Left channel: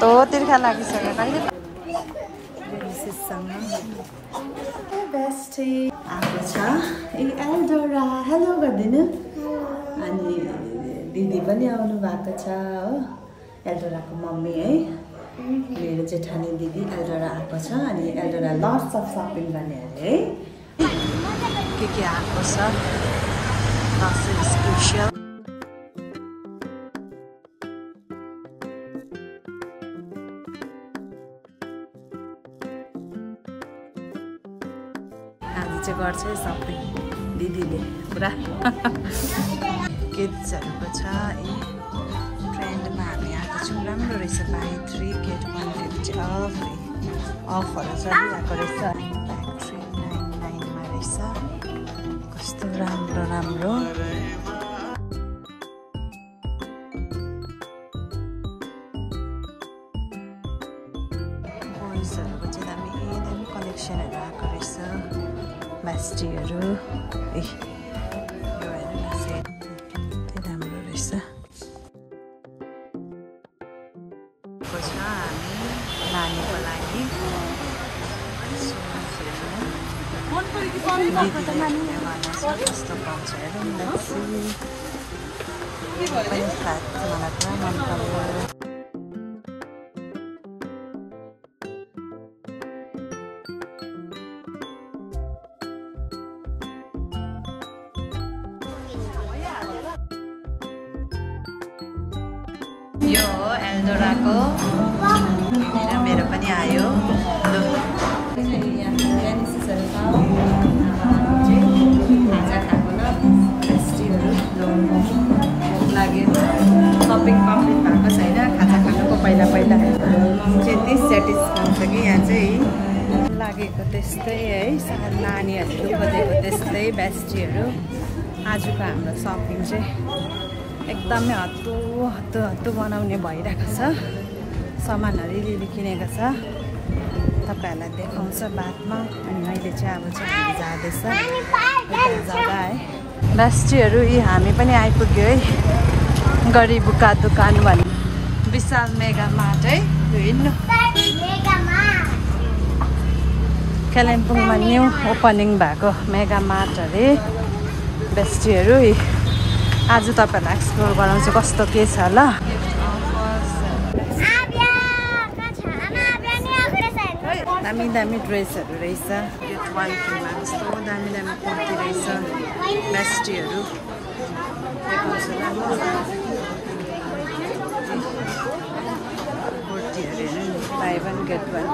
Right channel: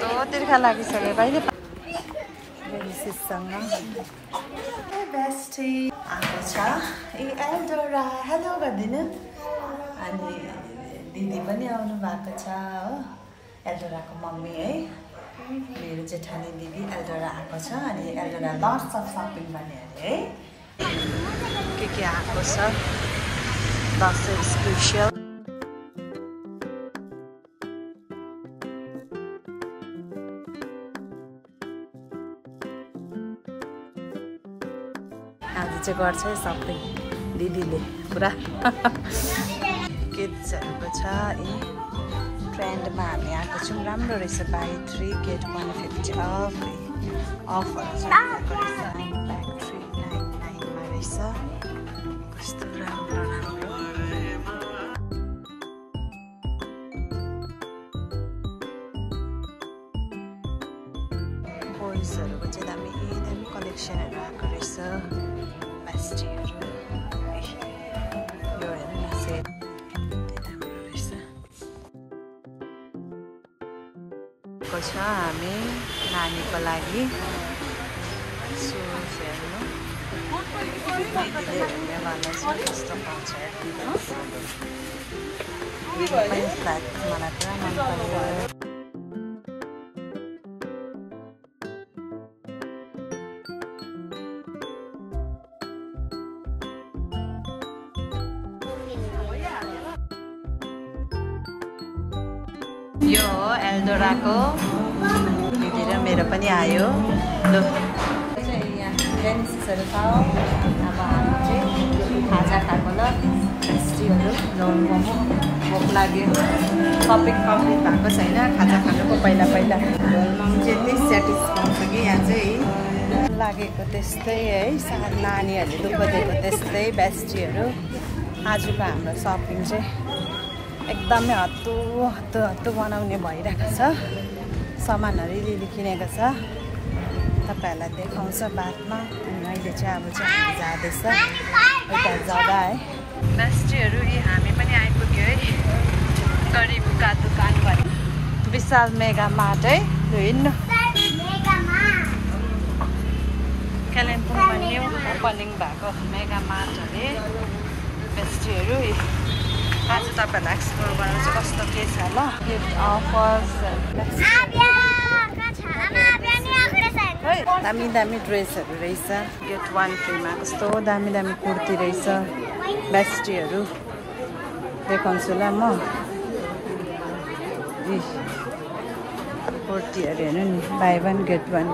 कस्तो तिर्खा लागिसक्यो कहिले बेस्टी आएको छ ए एल्डोरा हेलो गर्दिनु अनि दिदी पनि आउनु भएको छ हो एल्डोराको मम्मी है मेरो जेठानी दिदी एल्डोरा आएको छ अनि एल्डोरा लट्स अफ सपिङ गर्ने अरे है के आएको छ दसैँ स्पेसियल आज चाहिँ गर्छ है सपिङ दिदीले पुरा किड्सहरूको छ ए ट्रेन्डमा हामी आएको छौँ राम्रो रहेछ बाई 3 गेट 150 अफहरू चलिरहेको रहेछ ब्याग 399 मा रहेछ कस्तो राम्रो राम्रो बोइजहरूको चाहिँ दामी कलेक्सनहरू आएको रहेछ बेस्टीहरू ए यो हेर्नु न सेट राम्रो रहेछ छ हामी नानीको लागि सुज हेर्नु दिदीले हेर्ने भन्दैछ कस्तो पाउँछ हेर्नु पनि फ्ल्याट मलाई पुरा मन पर्यो यो हो एल्डोराको दिदी र मेरो पनि आयो लु खाजा खाएको ल बेस्टीहरू भोक लाग्यो सपिङ कम्प्लिट भएको छैन खाजा खानुको पहिला त्यति स्याटिस्फाई छ कि यहाँ चाहिँ लागेको त्यस्तै है नानीहरूले दुःख दिएको त्यस्तै बेस्टीहरू आजको हाम्रो सपिङ चाहिँ एकदमै हत्तु बनाउने भइरहेको छ सामानहरू लिली किनेको छ तपाईँहरूलाई देखाउँछ बादमा अनि अहिले चाहिँ अब चाहिँ हामी जाँदैछ एउटा जग्गा है बेस्टीहरू यी हामी पनि आइपुग्यो है गरिबुका दोकान भन्ने विशाल मेगा मार्ट है हिँड्नु कालिम्पोङमा न्यू ओपनिङ भएको मेगा मार्ट अरे बेस्टीहरू आज तपाईहरुलाई एक्सप्लोर गराउँछु कस्तो के छ ल दामी दामी ड्रेसहरू रहेछ गेट 1 फ्रीमा कस्तो दामी दामी कुर्ती रहेछ बेस्टीहरू देखाउँछु ल म कुर्तीहरू हेर्नु बाई 1 गेट 1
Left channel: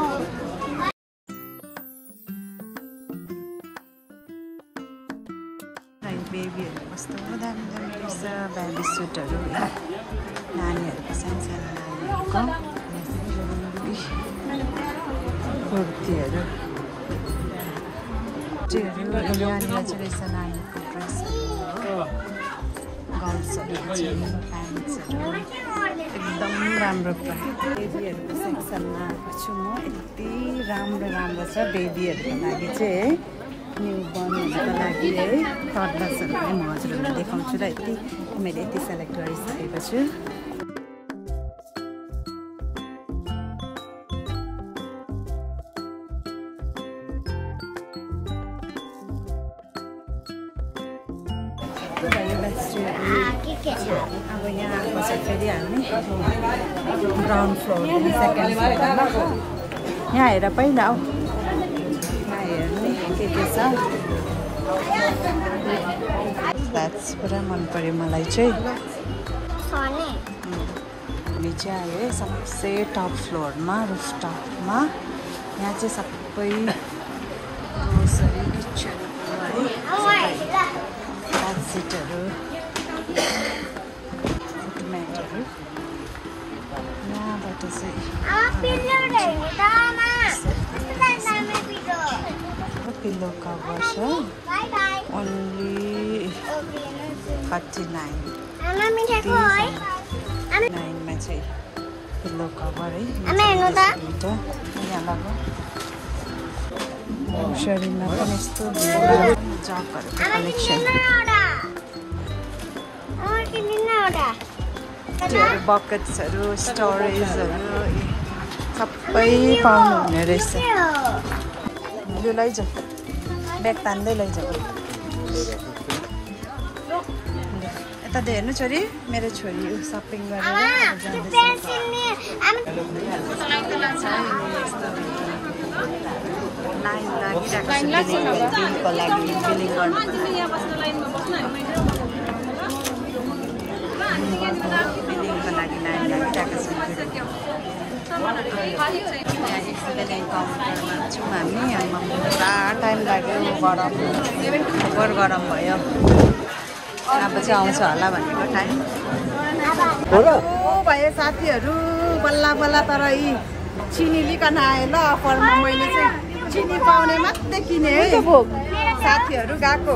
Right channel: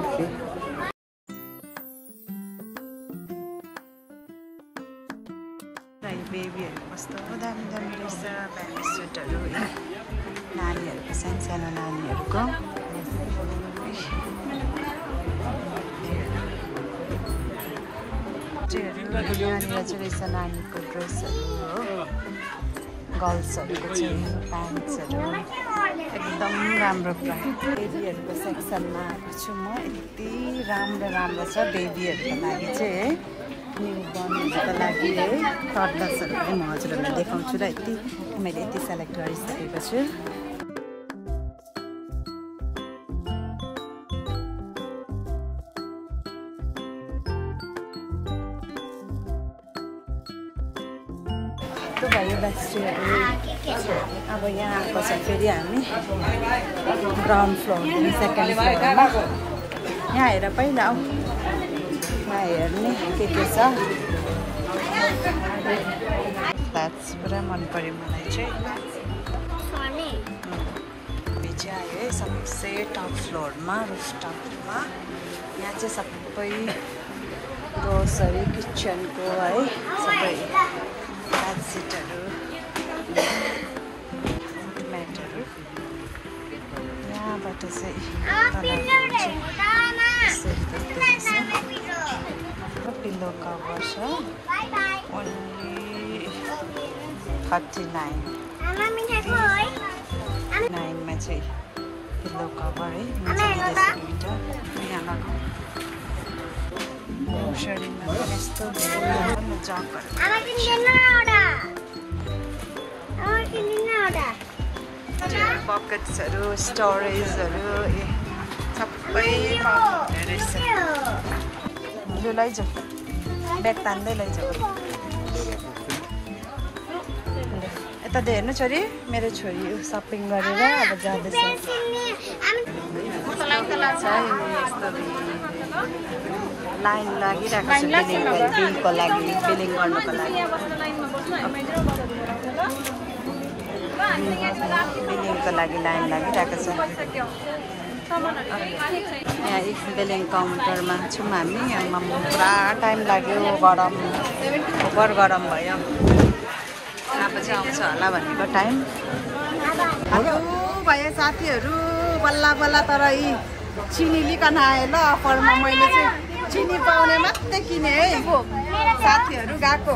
बेबीहरू कस्तो दामी दामी रहेछ बेबी सुटहरू नानीहरूको सानो नानीहरूको कुर्तीहरू यहाँनिर चाहिँ रहेछ नानीको ड्रेसहरू हो गर्ल्सहरूको चाहिँ प्यान्ट्सहरू एकदम राम्रो प्राइस बेबीहरूको सेक्सनमा आएको छु म यति राम्रो छ बेबीहरूको लागि चाहिँ है न्यू बर्नहरूको लागि है टडलर्सहरू पनि म हजुरहरूलाई देखाउँछु र मैले यति सेलेक्ट गरिसकेको छु अब यहाँ आएको छ फेरि हामी ग्राउन्ड फ्लोरदेखि सेकेन्ड फ्लोरमा यहाँ हेर पहिला आऊ यहाँ हेर्ने के छ फ्ल्याट्स पुरा मन पर्यो मलाई चाहिँ भोलि चाहिँ आयो है सबसे टप फ्लोरमा रुफटपमा यहाँ चाहिँ सबै ग्रोसरी किचनको है सबै बेडसिटहरू म्याटहरू यहाँबाट चाहिँ पिल्लो कभर छ ओन्ली 39 मा चाहिँ पिल्लो कभर है यहाँ लगाऊ ग्रोसरीमा पनि यस्तो जगहरूको कलेक्सन बकेट्सहरू स्टोरेजहरू सबै पाउनुहुने रहेछ। लु लैजाऊ, ब्याग तान्दै लैजाऊ। यता दे हेर्नु छोरी, मेरो छोरी सपिङ गरेर अब जाँदैछ। लाइन लागिरहेको छ बिलिङको लागि, बिलिङ गर्नुको लागि। बिलिङको लागि लाइन लागिरहेको छ। यहाँ बिलिङ काउन्टरमा छौँ हामी। पुरा टाइम लाग्यो, गरम ओभर गरम भयो। अब चाहिँ आउँछ होला भनेको टाइम भयो साथीहरू। बल्ल बल्ल तर यी चिनी लिकन आयो ल अफरमा। मैले चाहिँ चिनी पाउने मात्रै किने है साथीहरू। गएको